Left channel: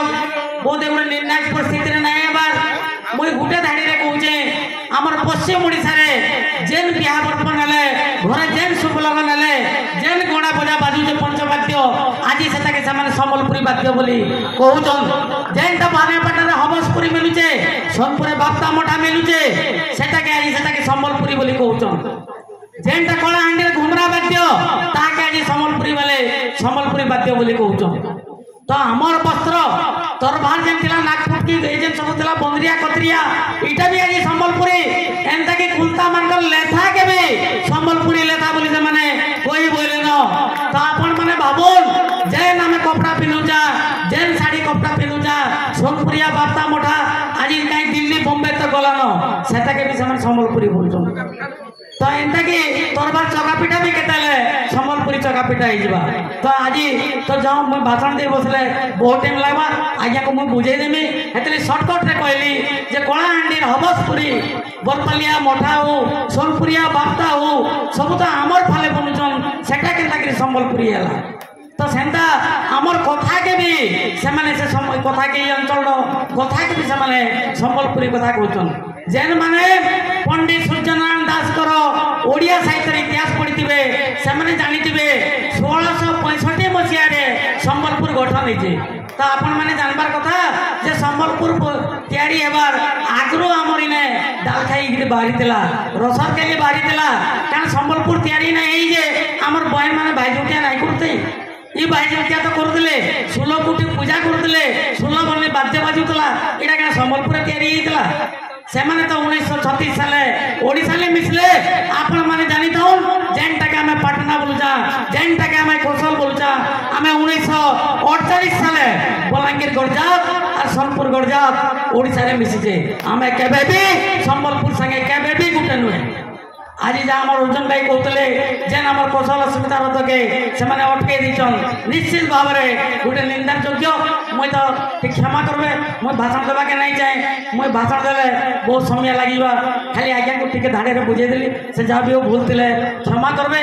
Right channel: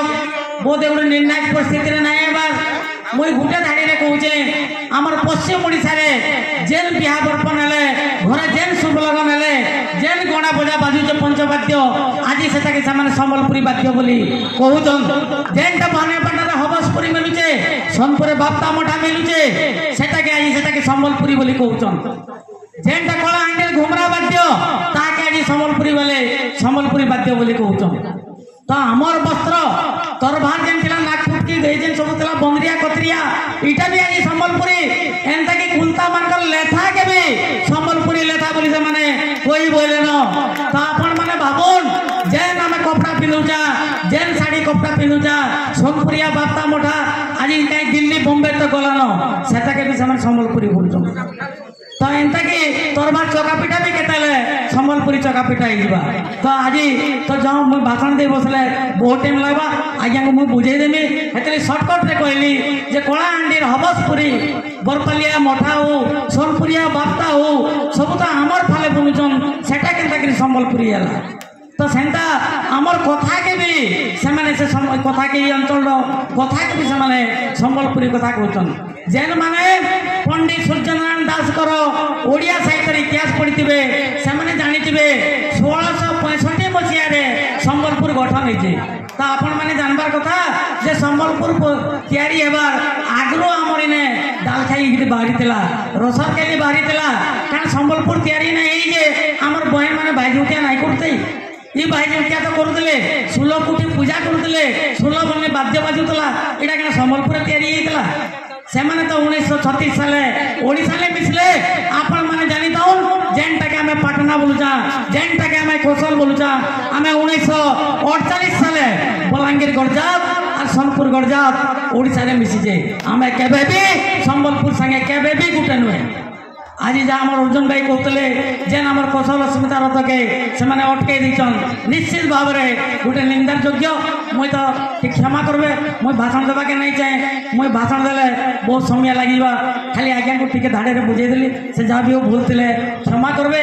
बहुत गोटे निर्णायक परिस्थिति ना मुई गोटे धाड़ी में कहूचे आमर पश्चिम ओडिशा रे जेन बिहा बर्पण हेले घरे जेन शुभ लगन हेले जेन गणा बजा बाजुचे पंचवाद्य आज सेटाके सेमाने संबलपुरी वाद्य बोली कहूचन जेनटा बानेपाटा हबसपुरी मिलुचे सोनपुरे बाप्ता मठा मिलुचे सेटाके आज सेटाके संबलपुरी बोली कहूचन जेनटा कलाहांडी घुमरा वाद्य ताके आज संबलपुरी वाले संबलपुरी वाद्य बोली कहूचन तो आमर वस्त्र तरभार जेन थिला नागपुटकी जेन सब थिला बंदरिया कतरिया इटा भी आज संबलपुरी एंता के कुलता मानकर लेथा के भी संबलपुरी लेथा बोली से माने कोई बोले न तो अपन माने भाबुन जेन हमें कपड़ा पिनुचा जेन साड़ी कपड़ा पिनुचा सोनपुरिया बाप्ता मोठा आज काई दिल्ली बॉम्बे तो गलन सेटा के भी समय संबलपुरी बोलछन तो एंता के तरभार चकापिटा भी केताले संबलपुरी चकापिटा ही जीवा तो आज तो जो मैं भाषण दे बसले बहुत टाइम लगवा आज्ञा को मुझे बुझे देमी हेतले शॉर्टकट रे कहली जे कलाहांडी हबसपुरी बरपालिया मठा हो सोनपुरिया बाप्ता हो सब तो आमर फाले बुनुचन सेटा केनता करी संबलपुरी हला तो सेंता आमर कथा के भी से माने से कथा के अंचल कथा के भी से माने संबलपुरी कथा कहउचन जेन माने पंडित सूर्यनारायण दास करो ओडिया साहित्य इतिहास पढ़िथिबे से माने जानिथिबे 1665 मसिया रे संबलपुर गठन होइছে तो आपण माने जानबार कथा जे संबलपुर तैयारी हेबार आगरो हमर इने दालखाई गिरी बारीतला रसर के बारीतला कारण संबलपुर तैयारी नै जे हमर बहन माने भाईजुटिया नै करते ई भाईजुटिया तो करतले 16 कोटी पूजा करतले 16 बने बाद्य बाजुतला एटा का संबलपुर तैयारी हेतला से माने तो 1936 साले ओडिसा ले मिसले आपण माने जानि ताउन जेनटा के हमें पटना बोलुचा जेनटा के हमें कौशल बोलुचा हमें 1948 साले बलांगीर गरजात और सोनपुर गरजात ओडिसा रे मिसिजे हमें केबे भी संबलपुर संगे केबे भी गुटे नुहे आज जा हमर अर्जुन भाई कहतले जेन हमर कौशल अस्मिता रथ के से माने अटके दिचन निश्चित भाव रे गुटे निंदार योग्य मैं तो ठीक क्षमा करबे मैं भाषण देबा के नहीं चाहे मैं भाषण देले बहुत समय लागिबा खाली आज्ञा को ठीक धाड़े रे बुझे देली से जा भी हो भूलतिले क्षमा करबे।